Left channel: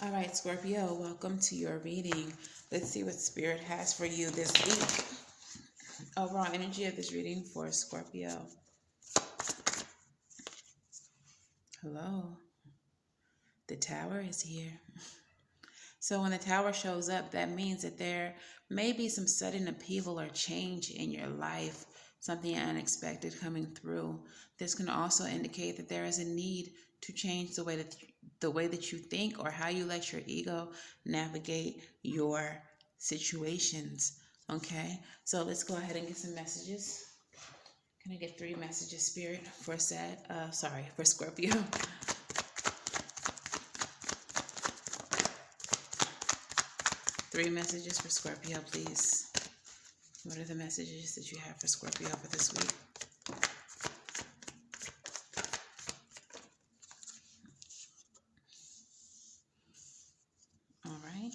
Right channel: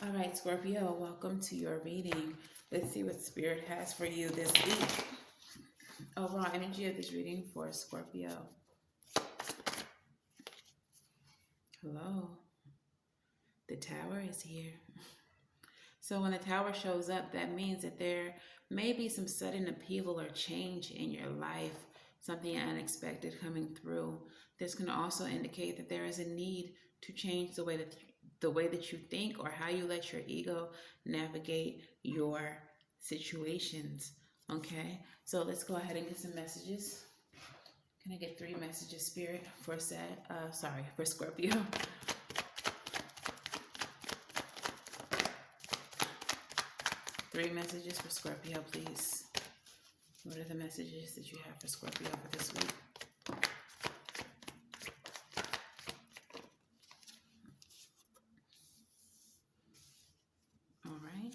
All right, Scorpio, welcome to your reading. Let's see what Spirit has for you this week. Overall energy of this reading for Scorpio. Hello. The Tower is here. So when the Tower shows up, that means that there may be some sudden upheaval or change in your life, something unexpected coming through. This can also indicate that there is a need to change the way that you think or how you let your ego navigate your situations. Okay, so let's go ahead and get some messages. Can I get 3 messages, Spirit, for Scorpio? 3 messages for Scorpio, please. What are the messages that you have for Scorpio for this week? All right.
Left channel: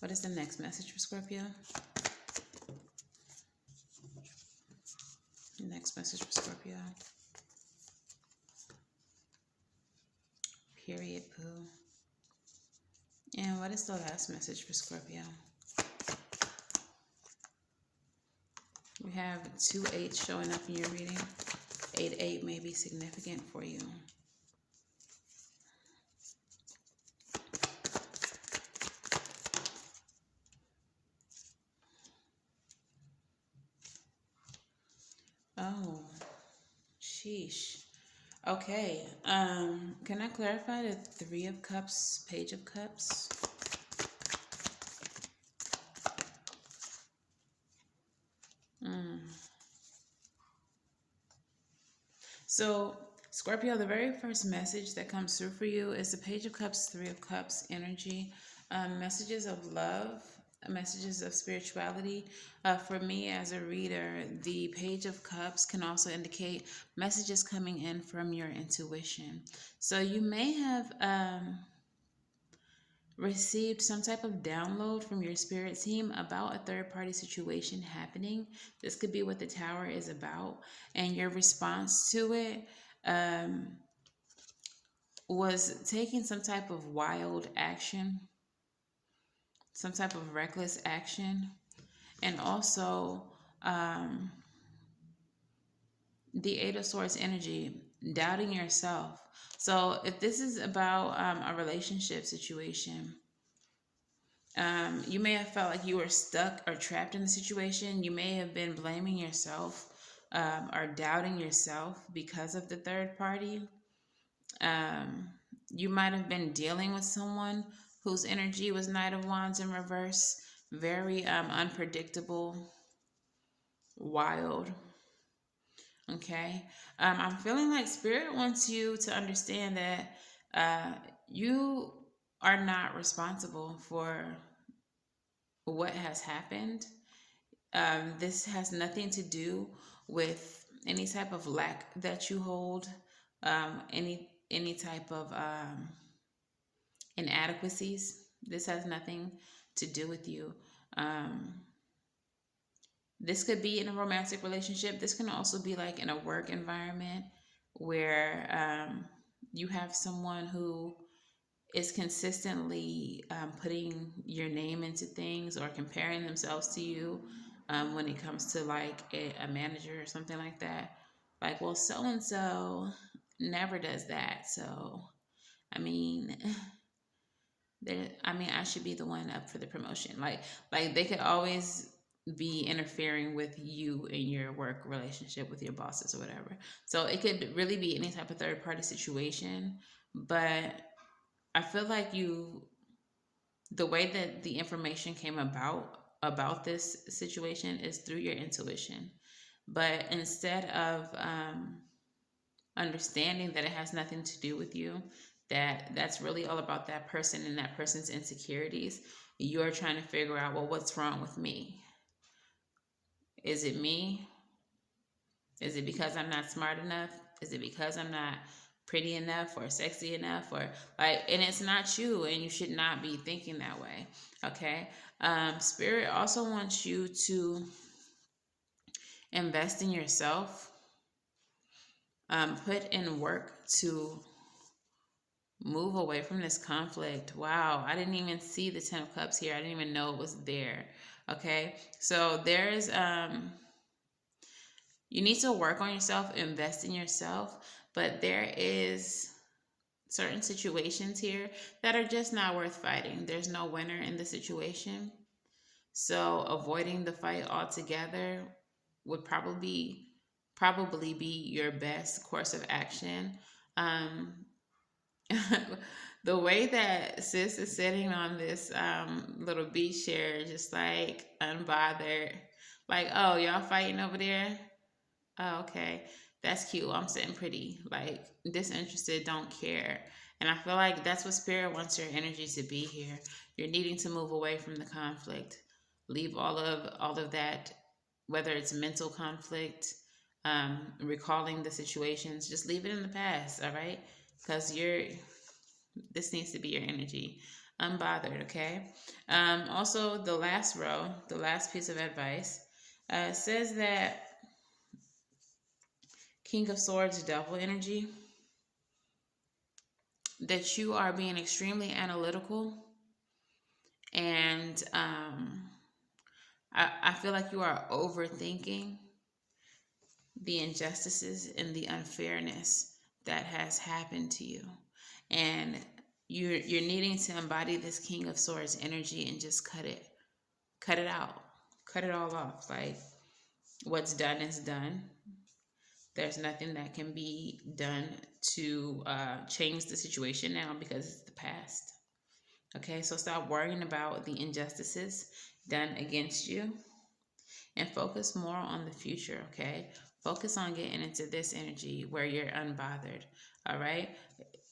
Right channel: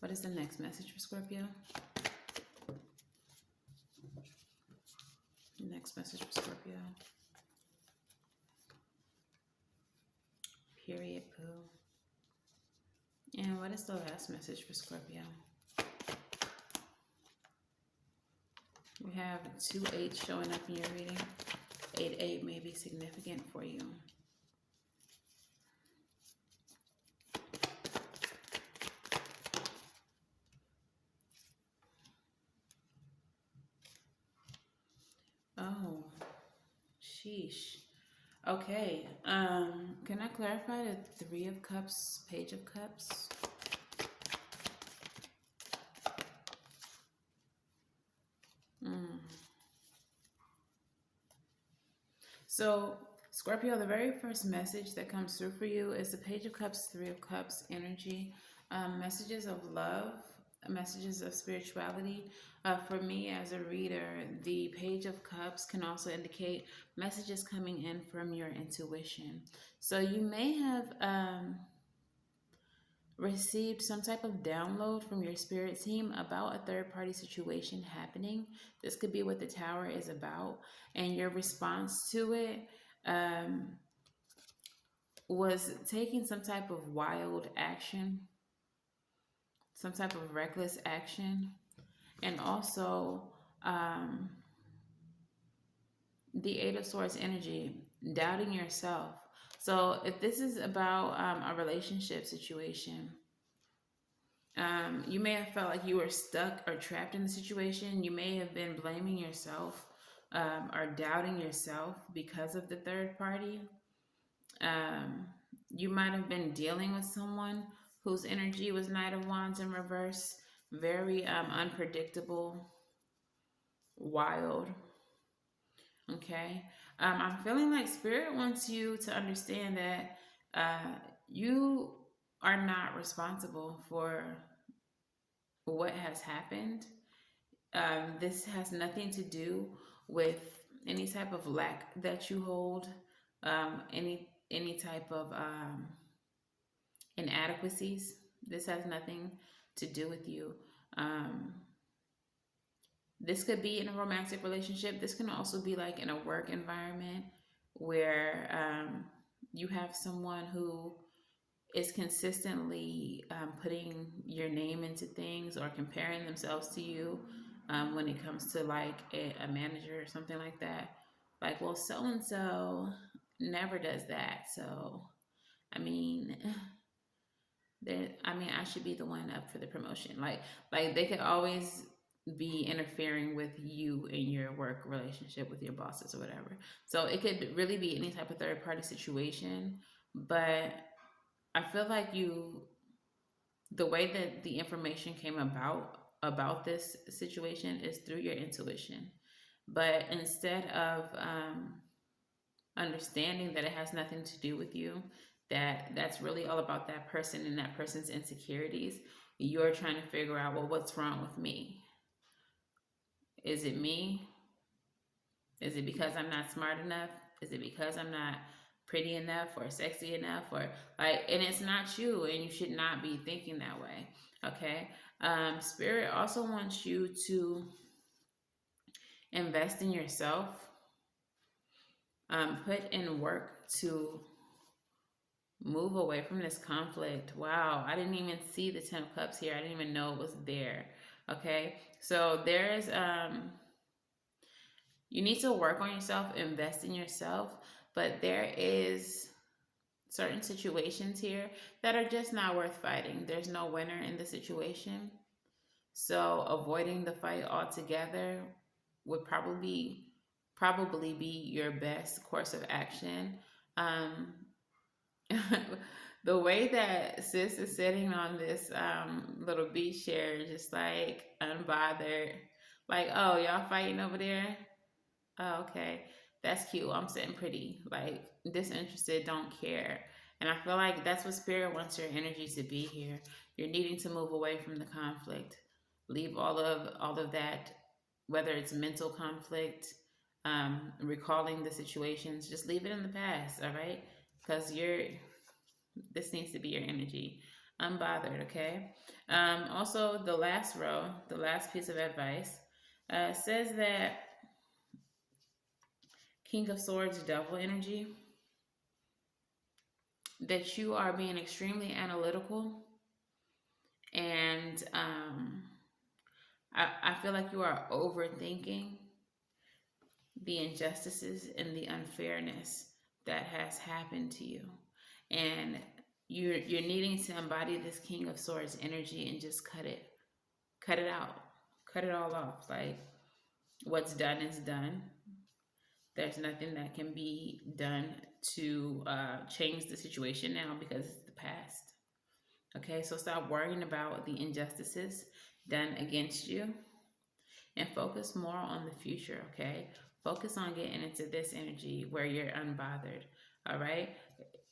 What is the next message for Scorpio? Next message for Scorpio. Period, poo. And what is the last message for Scorpio? We have 2 8s showing up in your reading. 8 may be significant for you. Oh, sheesh. Okay. Can I clarify the 3 of Cups, Page of Cups? So, Scorpio, the very first message that comes through for you is the Page of Cups, 3 of Cups energy. Messages of love, messages of spirituality. For me as a reader, the Page of Cups can also indicate messages coming in from your intuition. So you may have received some type of download from your spirit team about a third party situation happening. This could be what the Tower is about, and your response to it was taking some type of wild action, some type of reckless action, and also the 8 of Swords energy, doubting yourself. So if this is about a relationship situation, you may have felt like you were stuck or trapped in the situation. You may have been blaming yourself or doubting yourself because of the third party. You might have been dealing with someone whose energy was Knight of Wands in reverse, very unpredictable, wild. Okay. I'm feeling like Spirit wants you to understand that you are not responsible for what has happened. This has nothing to do with any type of lack that you hold, any type of inadequacies. This has nothing to do with you. This could be in a romantic relationship. This can also be like in a work environment where you have someone who is consistently putting your name into things or comparing themselves to you when it comes to like a manager or something like that. Like, well, so and so never does that. So, I mean, I should be the one up for the promotion. Like they could always be interfering with you in your work relationship with your bosses or whatever. So it could really be any type of third party situation, but I feel like the way that the information came about this situation is through your intuition. But instead of understanding that it has nothing to do with you, that's really all about that person and that person's insecurities, you're trying to figure out, well, what's wrong with me? Is it me? Is it because I'm not smart enough? Is it because I'm not pretty enough or sexy enough or like, and it's not you, and you should not be thinking that way. Okay. Spirit also wants you to invest in yourself. Put in work to move away from this conflict. Wow, I didn't even see the Ten of Cups here. I didn't even know it was there. Okay, so there's you need to work on yourself, invest in yourself, but there is certain situations here that are just not worth fighting. There's no winner in the situation. So avoiding the fight altogether would probably be your best course of action. Um, the way that sis is sitting on this little beach chair, just like unbothered, like, oh, y'all fighting over there? Oh, okay. That's cute. I'm sitting pretty, like disinterested, don't care. And I feel like that's what spirit wants your energy to be here. You're needing to move away from the conflict. Leave all of that, whether it's mental conflict, recalling the situations, just leave it in the past, all right? Because this needs to be your energy. Unbothered, okay? Also, the last row, the last piece of advice, says that King of Swords, Devil energy, that you are being extremely analytical, and I feel like you are overthinking the injustices and the unfairness that has happened to you, and you're needing to embody this King of Swords energy and just cut it out, cut it all off. Like, what's done is done. There's nothing that can be done to change the situation now because it's the past. Okay, so stop worrying about the injustices done against you and focus more on the future. Okay, focus on getting into this energy where you're unbothered. All right,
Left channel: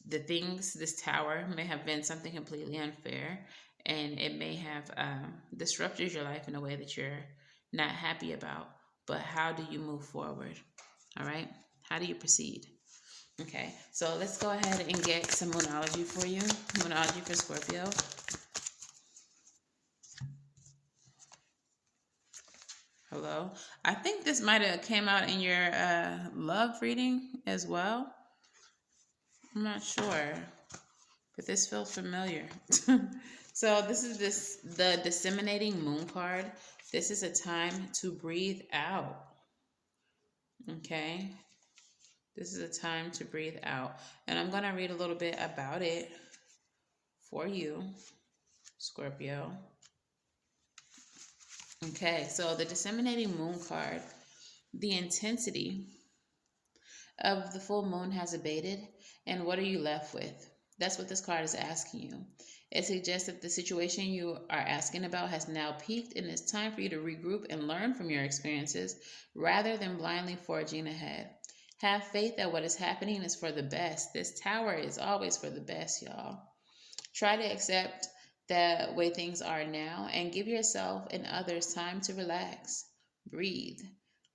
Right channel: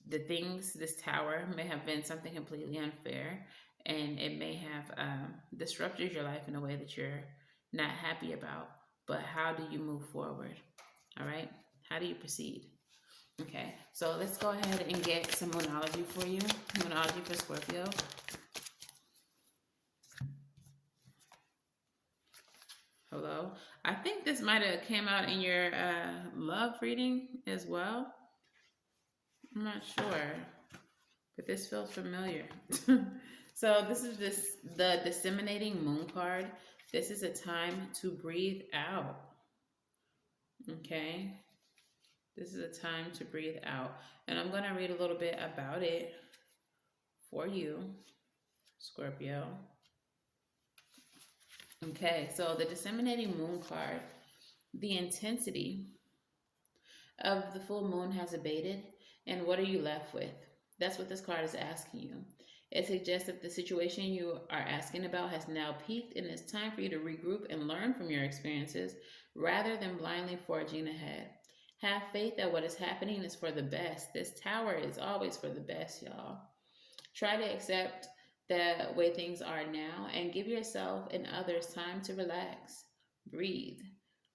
the things, this tower may have been something completely unfair, and it may have disrupted your life in a way that you're not happy about. But how do you move forward? All right, how do you proceed? Okay, so let's go ahead and get some moonology for you. Moonology for Scorpio. Hello. I think this might have came out in your love reading as well. I'm not sure, but this feels familiar. So this is the disseminating moon card. This is a time to breathe out. Okay. This is a time to breathe out. And I'm going to read a little bit about it for you, Scorpio. Okay, so the disseminating moon card, the intensity of the full moon has abated, and what are you left with? That's what this card is asking you. It suggests that the situation you are asking about has now peaked, and it's time for you to regroup and learn from your experiences rather than blindly forging ahead. Have faith that what is happening is for the best. This tower is always for the best, y'all. Try to accept the way things are now and give yourself and others time to relax. Breathe.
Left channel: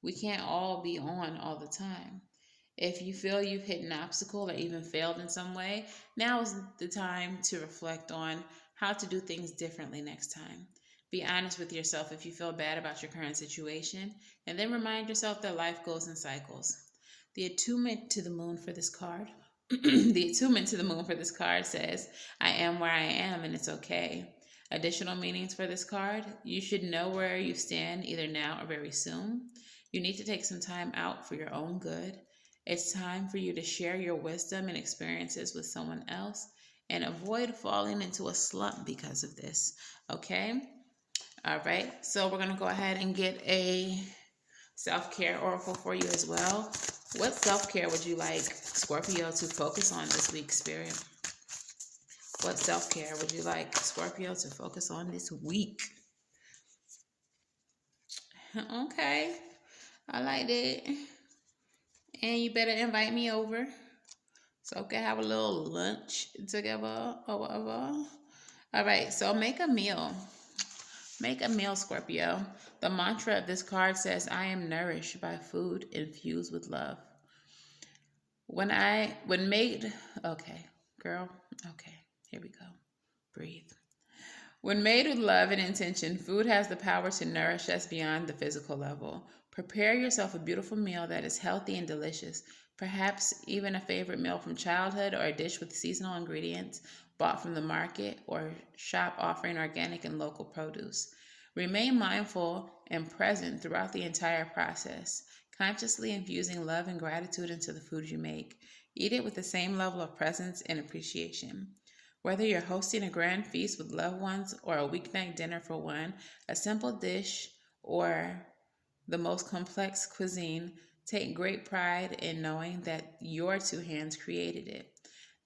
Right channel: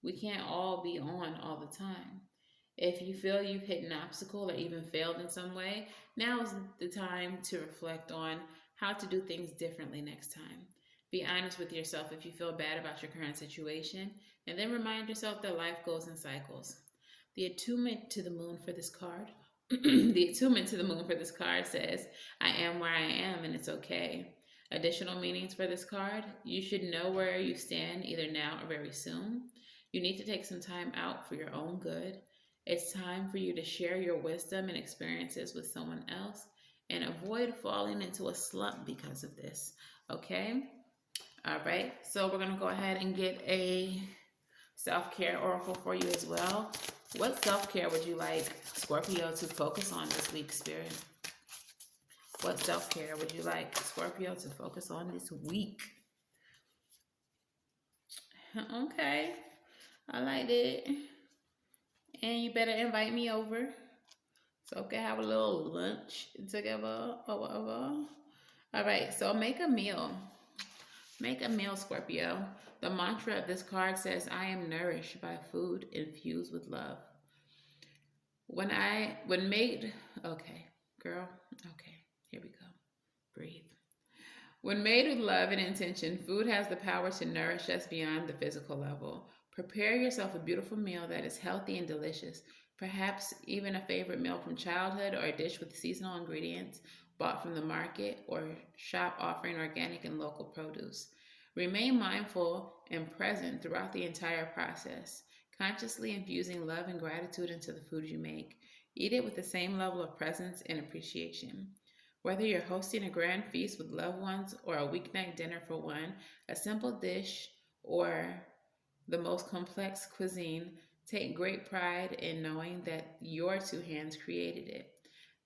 We can't all be on all the time. If you feel you've hit an obstacle or even failed in some way, now is the time to reflect on how to do things differently next time. Be honest with yourself if you feel bad about your current situation, and then remind yourself that life goes in cycles. The attunement to the moon for this card. The attunement to the moon for this card says, I am where I am and it's okay. Additional meanings for this card, you should know where you stand either now or very soon. You need to take some time out for your own good. It's time for you to share your wisdom and experiences with someone else and avoid falling into a slump because of this. Okay? All right. So we're going to go ahead and get a self-care oracle for you as well. What self-care would you like Scorpio to focus on this week, Spirit? What self-care would you like Scorpio to focus on this week? Okay. I like that. And you better invite me over so we can have a little lunch together or whatever. All right. So make a meal. Make a meal, Scorpio. The mantra of this card says, I am nourished by food infused with love. When made, okay, girl, okay, here we go. Breathe. When made with love and intention, food has the power to nourish us beyond the physical level. Prepare yourself a beautiful meal that is healthy and delicious, perhaps even a favorite meal from childhood or a dish with seasonal ingredients bought from the market or shop offering organic and local produce. Remain mindful and present throughout the entire process, consciously infusing love and gratitude into the food you make. Eat it with the same level of presence and appreciation. Whether you're hosting a grand feast with loved ones or a weeknight dinner for one, a simple dish or the most complex cuisine, take great pride in knowing that your two hands created it.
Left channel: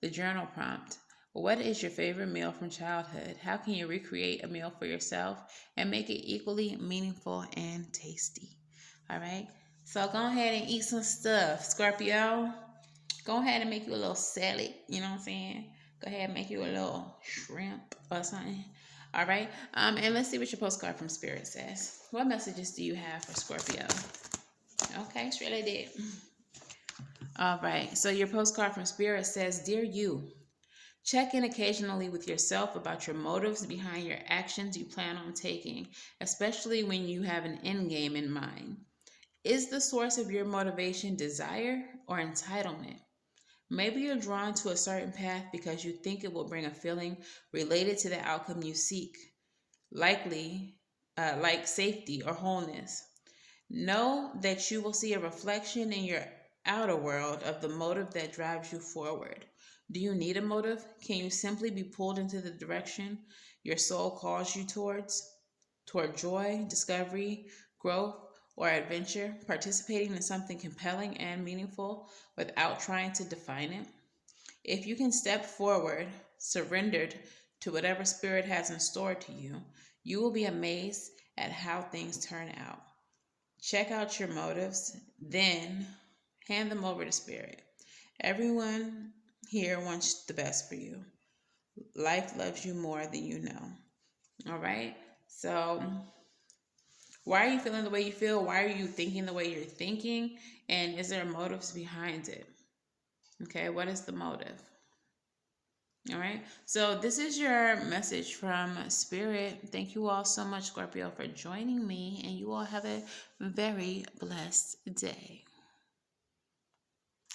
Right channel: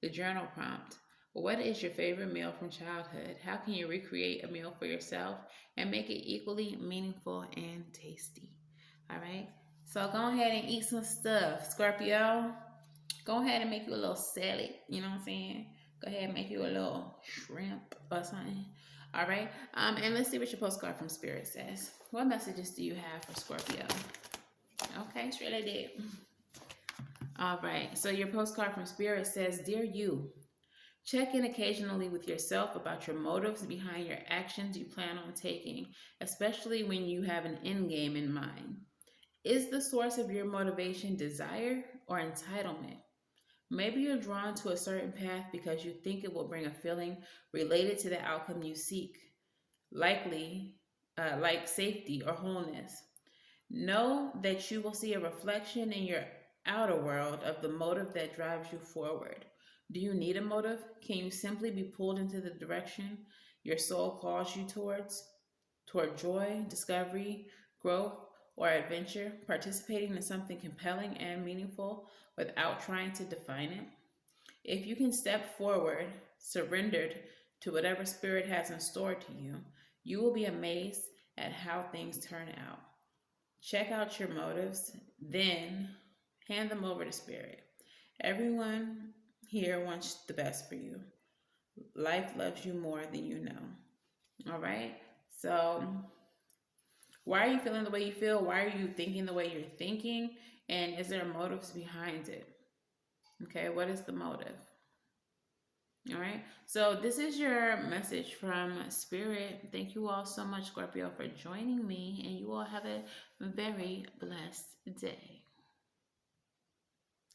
The journal prompt: what is your favorite meal from childhood? How can you recreate a meal for yourself and make it equally meaningful and tasty? All right. So go ahead and eat some stuff, Scorpio. Go ahead and make you a little salad. You know what I'm saying? Go ahead and make you a little shrimp or something. All right. And let's see what your postcard from Spirit says. What messages do you have for Scorpio? Okay, it's really did. All right. So your postcard from Spirit says, "Dear you, check in occasionally with yourself about your motives behind your actions you plan on taking, especially when you have an end game in mind. Is the source of your motivation desire or entitlement? Maybe you're drawn to a certain path because you think it will bring a feeling related to the outcome you seek, likely like safety or wholeness. Know that you will see a reflection in your outer world of the motive that drives you forward. Do you need a motive? Can you simply be pulled into the direction your soul calls you toward joy, discovery, growth, or adventure, participating in something compelling and meaningful without trying to define it? If you can step forward, surrendered to whatever spirit has in store to you, you will be amazed at how things turn out. Check out your motives, then hand them over to spirit. Everyone here wants the best for you. Life loves you more than you know. All right? So, why are you feeling the way you feel? Why are you thinking the way you're thinking? And is there motives behind it? Okay, what is the motive? All right. So this is your message from Spirit. Thank you all so much, Scorpio, for joining me, and you all have a very blessed day.